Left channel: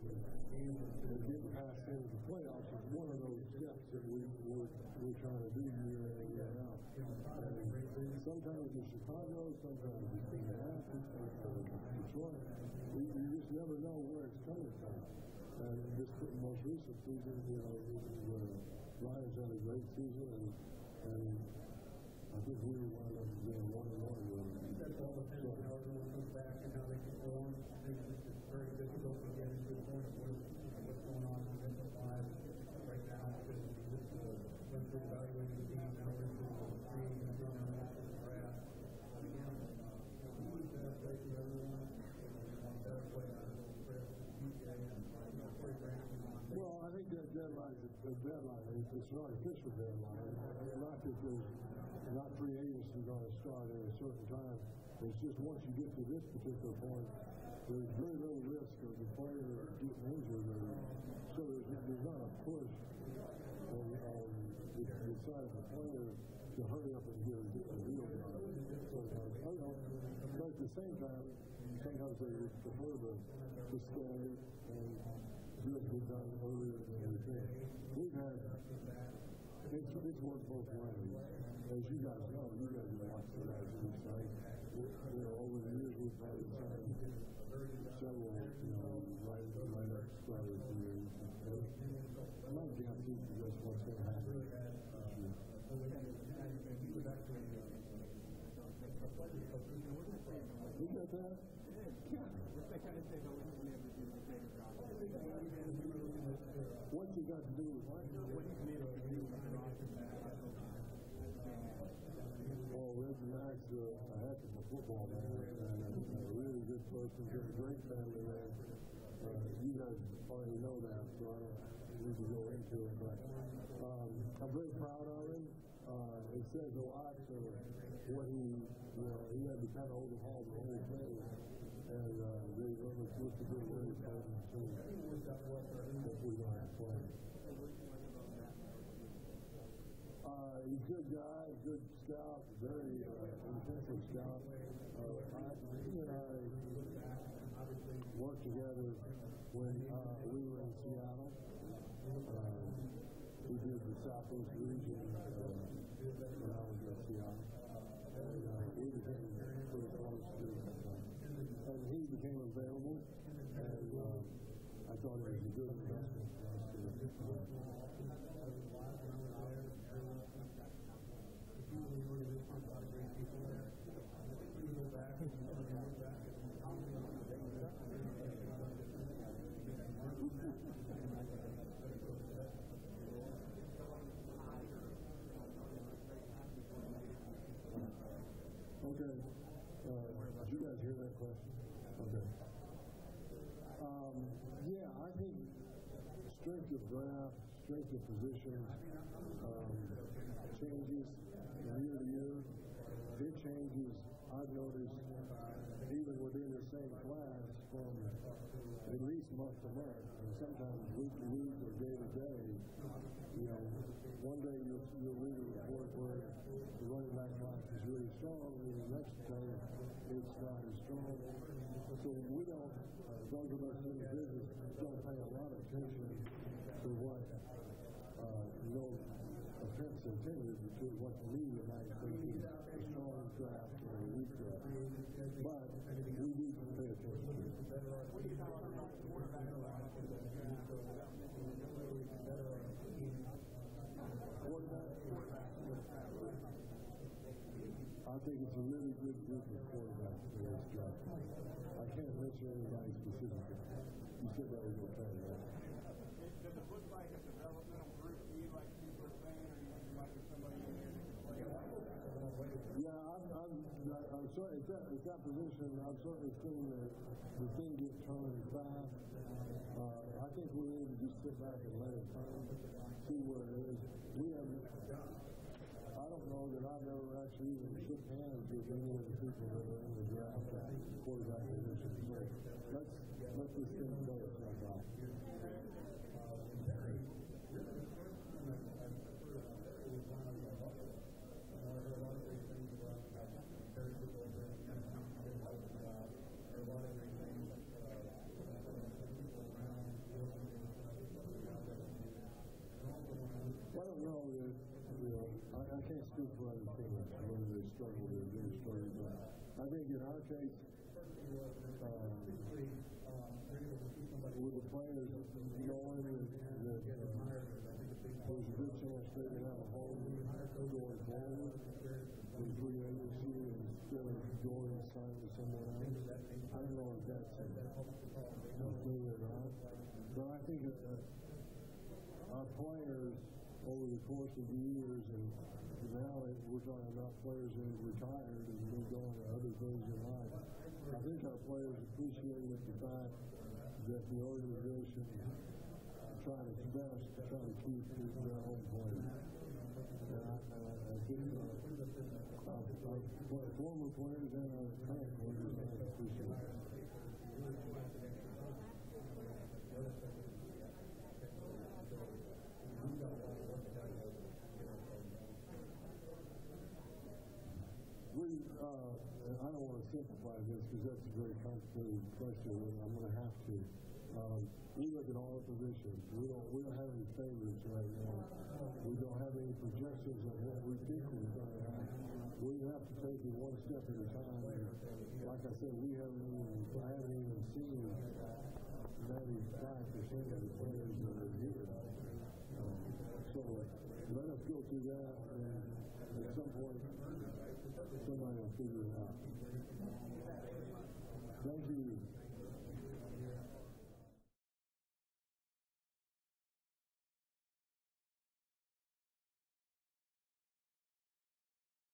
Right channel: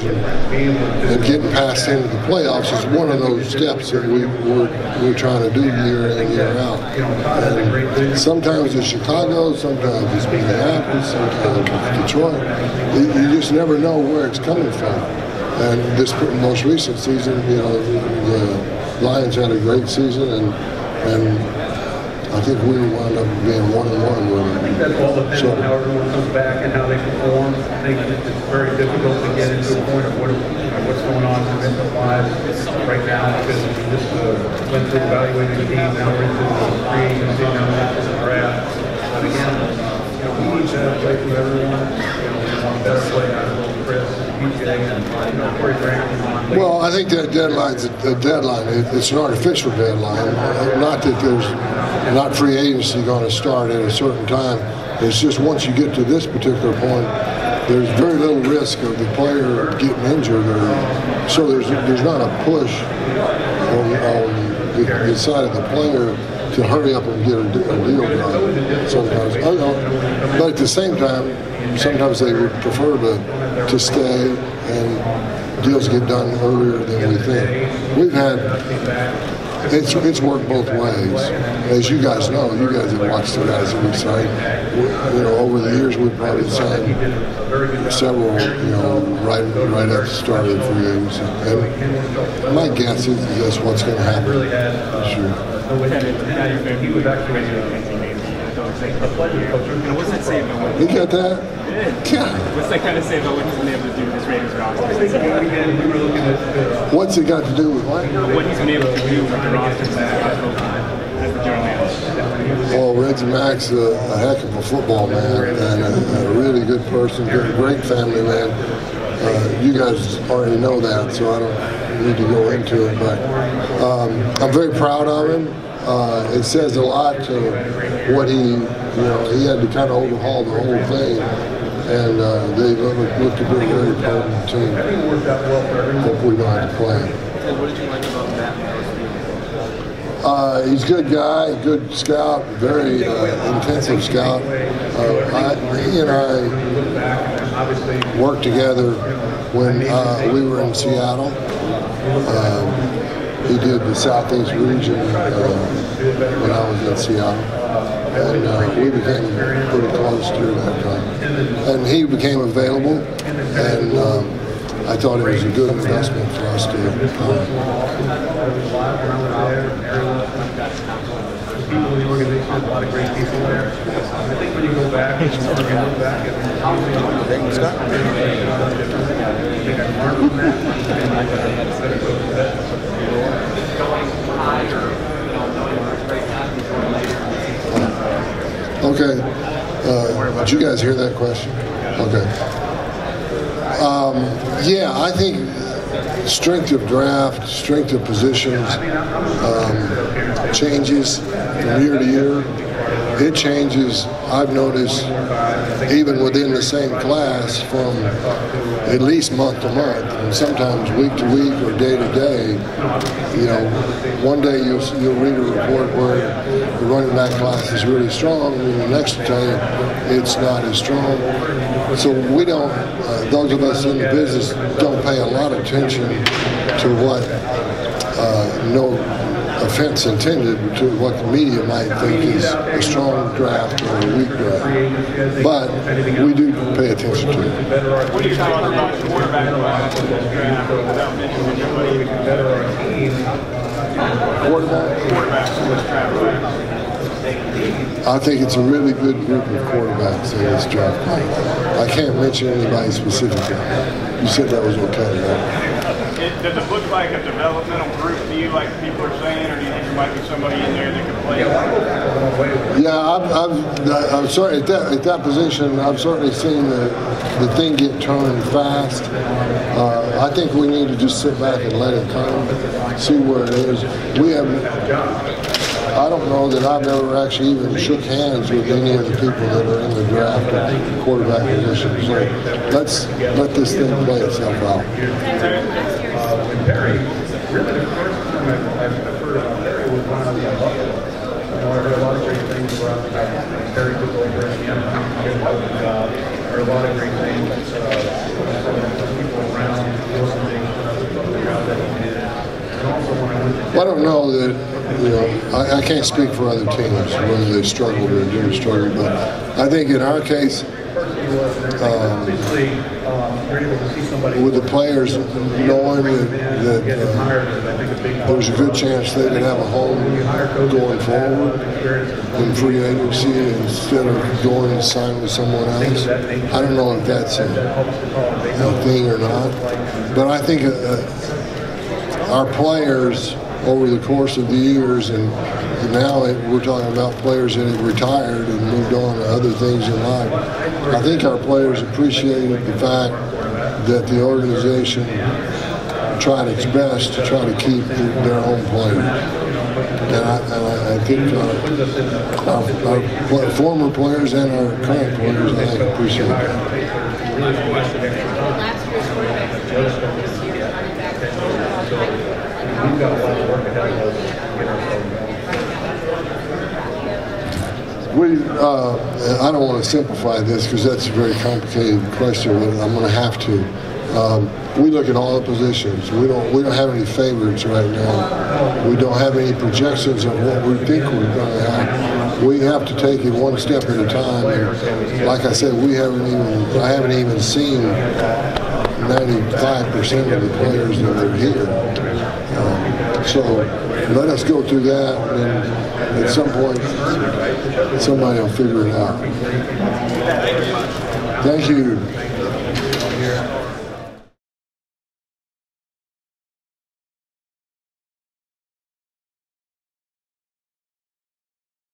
games and getting past into the playoffs is one of those steps that we're trying to do year in and year out. And sometimes it's Chicago, sometimes it's Minneapolis, sometimes it's Detroit. You just never know where it's coming from. And this most recent season, you know, the Lions had a great season, and I think we wound up being 1-1 with them. I think that's all depends on how everyone comes back and how they perform. I think it's very difficult to get into a point of what's going on mental-wise right now, because we just went through evaluating the team, now we're into the free agency, now we're into the draft. But again, you know, we need to play through everyone. You know, we want a better play out of Chris, BJ, and you know, Corey Grant. Well, I think that deadline's a deadline. It's an artificial deadline. Not that there's not free agency going to start at a certain time. It's just once you get to this particular point, there's very little risk of the player getting injured, or so there's not a push on the side of the player to hurry up and get a deal done. Sometimes, but at the same time, sometimes they would prefer to stay and deals get done earlier than we think. We've had. It's worked both ways. As you guys know, you guys have watched the guys that we signed. You know, over the years, we've probably signed several, you know, right at the start of the free agency. And my guess is that's what's going to happen. Sure. What's that say about what You got that? Yeah. What's that kind of say about what he's been able to do with this Raiders roster? What's it got to do with what? What he's been able to do with the roster as the general manager. Well, Reggie Mack's a heck of a football man and a really good person, great family man. You guys already know that, so I don't need to go into it. But I'm very proud of him. It says a lot to what he had to kind of overhaul the whole thing. And they looked to be a very potent team. Hope we don't have to play him. What did you like about that? He's a good guy, good scout, very intensive scout. He and I worked together when we were in Seattle. He did the Southeast region when I was in Seattle. And we became pretty close during that time. And he became available, and I thought it was a good investment for us to people in the organization, a lot of great people there. I think when you go back and look back at how I think I learned from that. Okay. Did you guys hear that question? Okay. Yeah, I think strength of draft, strength of positions changes from year to year. It changes, I've noticed, even within the same class from at least month to month, and sometimes week to week or day to day. You know, one day you'll read a report where the running back class is really strong, and the next day it's not as strong. So we don't, those of us in the business don't pay a lot of attention to what, no offense intended, to what the media might think is a strong draft or a weak draft. But we do pay attention to it. What do you talk about the quarterback class in this draft without mentioning anybody? Quarterbacks in this draft. I think it's a really good group of quarterbacks in this draft class. I can't mention anybody specifically. You said that was okay, right? Does it look like a developmental group to you, like people are saying, or do you think there might be somebody in there that could play? Yeah, I'm sorry, at that position, I've certainly seen the thing get turned fast. I think we need to just sit back and let it come, see where it is. I don't know that I've ever actually even shook hands with any of the people that are in the draft at the quarterback position. So let's let this thing play itself out. Perry, really the first time I've heard about Perry was when I was in Buffalo. I heard a lot of great things about Perry took over and did a good job. There are a lot of great things, people around. I don't know that, I can't speak for other teams, whether they struggled or didn't struggle, but I think in our case, with the players knowing that there's a good chance they could have a home going forward in free agency instead of going and signing with someone else. I don't know if that's a thing or not, but I think our players over the course of the years, and now we're talking about players that have retired and moved on to other things in life. I think our players appreciated the fact that the organization tried its best to try to keep their own players. And I think our former players and our current players, I think, appreciate that. We've got a lot of work ahead of us to get ourselves I don't want to simplify this because that's a very complicated question, but I'm going to have to. We look at all the positions. We don't have any favorites right now. We don't have any projections of what we think we're going to have. We have to take it one step at a time. And like I said, I haven't even seen 95% of the players that are here. So let us go through that, and at some point, somebody will figure it out. Thank you.